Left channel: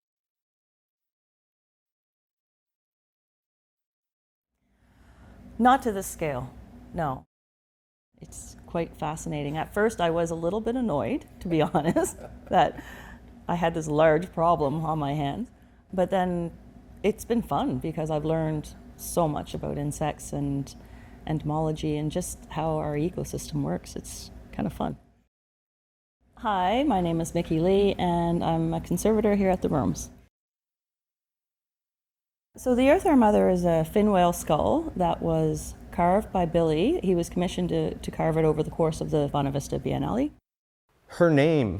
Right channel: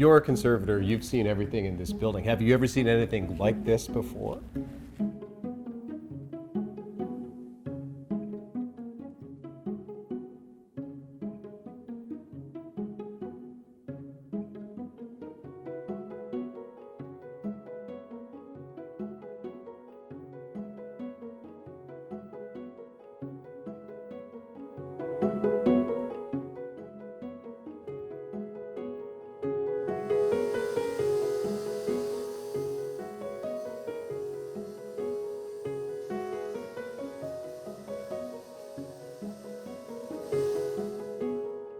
You're a conservator, you've seen everything in this building. Have you ever seen anything like this before? Not to this scale, no. It's quite fascinating. At first I was a little bit annoyed, to be honest, that I had this large problem on my hands. But then it's been fun because I've learned so much about insects and entomology and just how our ecosystem works. It's kind of fun. Hi, my name is Miki Lee and I'm a conservator here at the rooms. So the Earth Our Mother is a fin whale skull that was carved by Billy. He was commissioned to carve it over the course of the Buena Vista Biennale. Her name,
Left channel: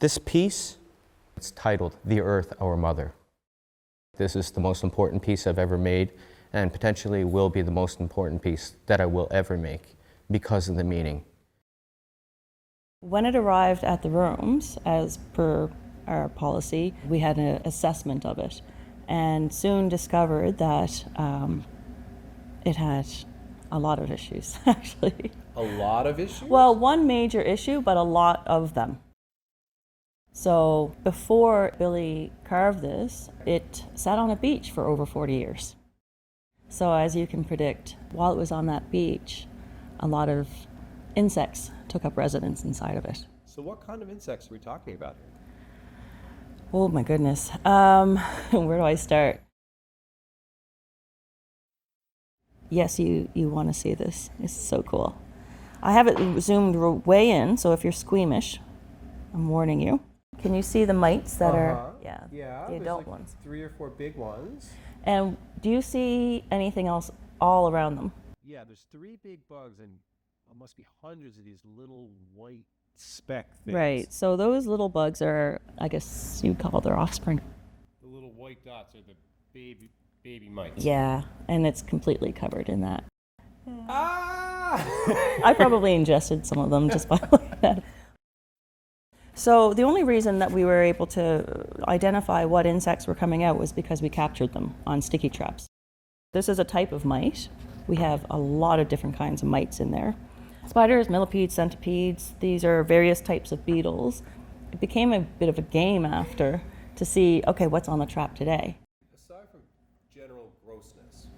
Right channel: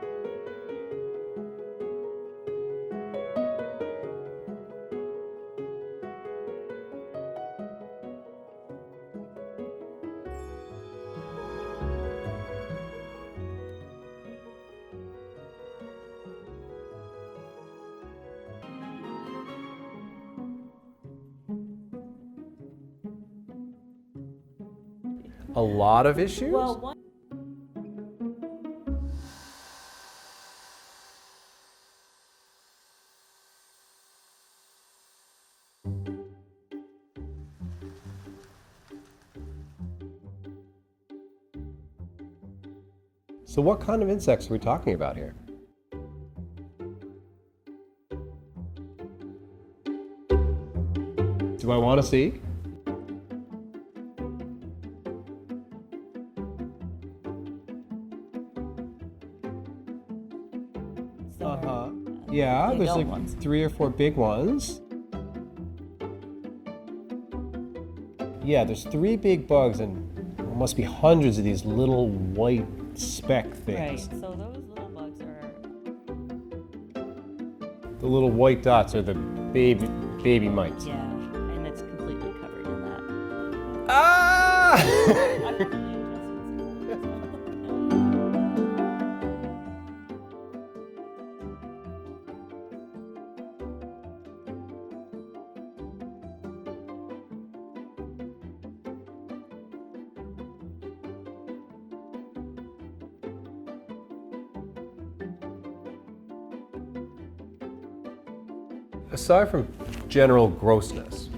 this piece, it's titled The Earth Our Mother. This is the most important piece I've ever made and potentially will be the most important piece that I will ever make because of the meaning. When it arrived at the rooms, as per our policy, we had an assessment of it and soon discovered that it had a lot of issues, actually. A lot of issues? Well, one major issue, but a lot of them. So before Billy carved this, it sat on a beach for over 40 years. So as you can predict, while it was on that beach, a lot of insects took up residence inside of it. So what kind of insects are we talking about here? Oh my goodness. Where do I start? Do I want to see? Yes, you want to see this. It's so cool. I have it zoomed way in, so if you're squeamish, I'm warning you. Can you see the mites that are? Yeah, the there's adult like ones. 3 or 4 big ones. And do you see anything else all around them? Yeah, there's 3 big bugs and there must be hundreds of these little white speck things. Right, so those little bugs are, I guess you'd call their offspring. The little white dots are the baby mites. Yeah, and it's completely covered in that. Ah! I probably ingested some of them just by looking at it. So the only reason that we were able to identify what insects were coming out was because we captured them on sticky traps. This is a type of mite. We have a lot of different kinds of mites in there. Spiders, millipedes, centipedes, these are various types of beetles. It became a bit of a game after to see, okay, what's on the trap today? Aside from general grossness,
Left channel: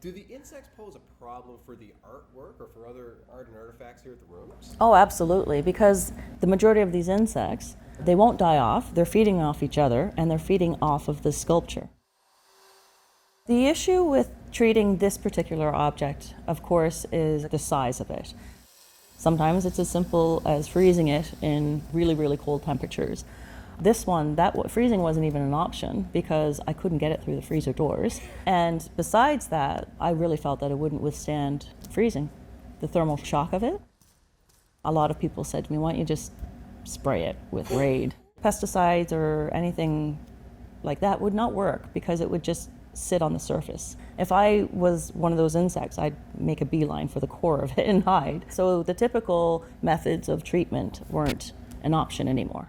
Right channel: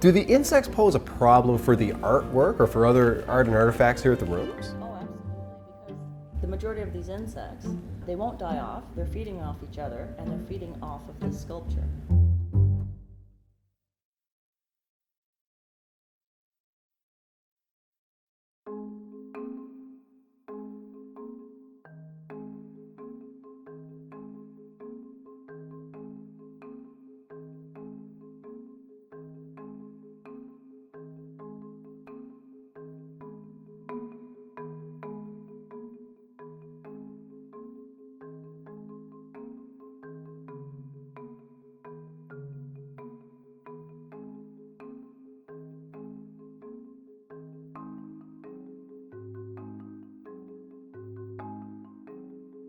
do the insects pose a problem for the artwork or for other art and artifacts here at the rooms? Oh, absolutely, because the majority of these insects, they won't die off, they're feeding off each other, and they're feeding off of this sculpture. The issue with treating this particular object, of course, is the size of it. Sometimes it's as simple as freezing it in really, really cold temperatures. This one, freezing wasn't even an option because I couldn't get it through the freezer doors. And besides that, I really felt that it wouldn't withstand freezing, the thermal shock of it. A lot of people said to me, why don't you just spray it with Raid? Pesticides or anything like that would not work because it would just sit on the surface. If I was one of those insects, I'd make a beeline for the core of it and hide. So the typical methods of treatment weren't an option anymore.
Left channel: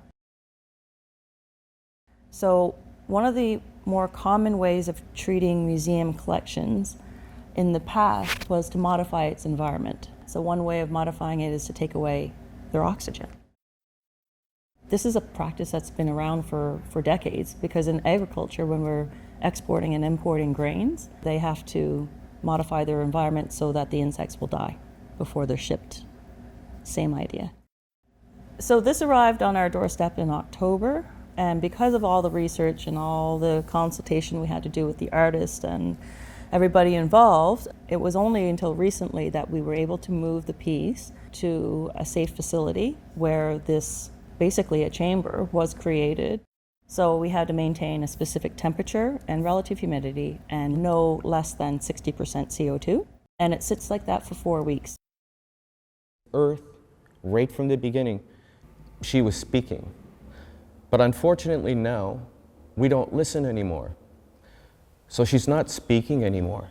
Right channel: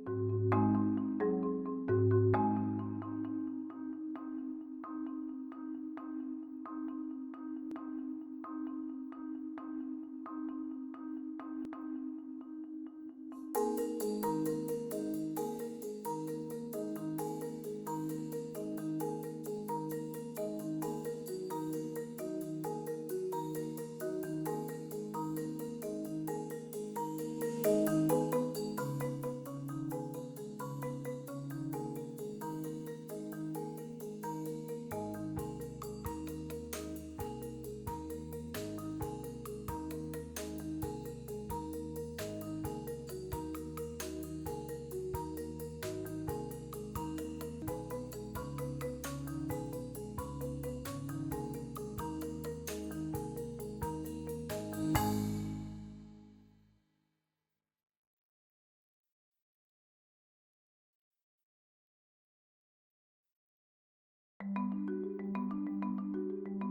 So one of the more common ways of treating museum collections in the past was to modify its environment. So one way of modifying it is to take away their oxygen. This is a practice that's been around for decades because in agriculture, when we're exporting and importing grains, they have to modify their environment so that the insects will die before they're shipped. Same idea. So this arrived on our doorstep in October, and because of all the research and all the consultation we had to do with the artist and everybody involved, it was only until recently that we were able to move the piece to a safe facility where this, basically a chamber, was created. So we had to maintain a specific temperature and relative humidity and no less than 60% CO2. And it sits like that for 4 weeks. Earth, right from the beginning, she was speaking. But unfortunately now, we don't listen anymore. So she's not speaking anymore.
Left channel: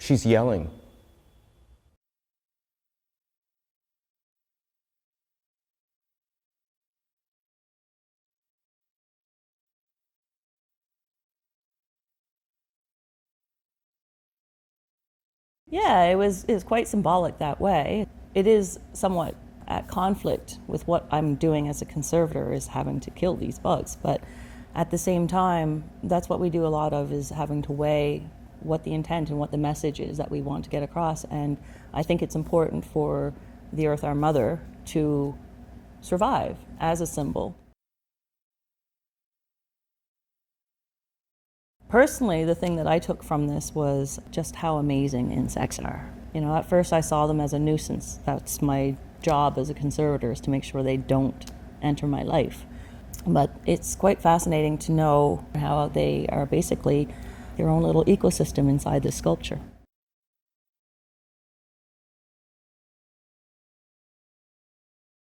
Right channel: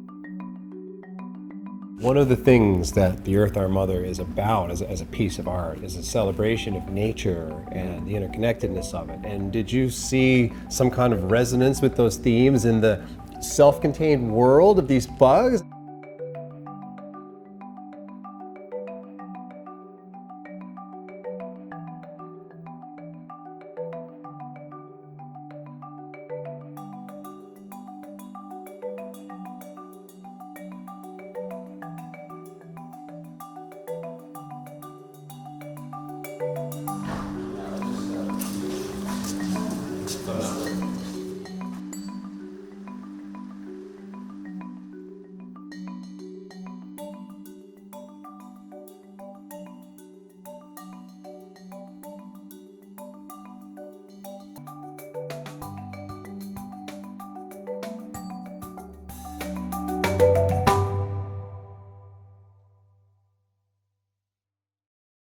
She's yelling. One of the things that the Earth Our Mother is about as a piece of art is a celebration of nature and the interconnectedness of it. And did you see some kind of resonance with those themes in the self-contained world of these bugs? Yeah, it was quite symbolic that way. It is somewhat at conflict with what I'm doing as a conservator is having to kill these bugs. But at the same time, that's what we do a lot of, is having to weigh what the intent and what the message is that we want to get across. And I think it's important for the Earth, our mother, to survive as a symbol. Personally, the thing that I took from this was just how amazing insects are. You know, at first I saw them as a nuisance. That's my job as a conservator, is to make sure they don't enter my life. But it's quite fascinating to know how they are basically their own little ecosystem inside this sculpture.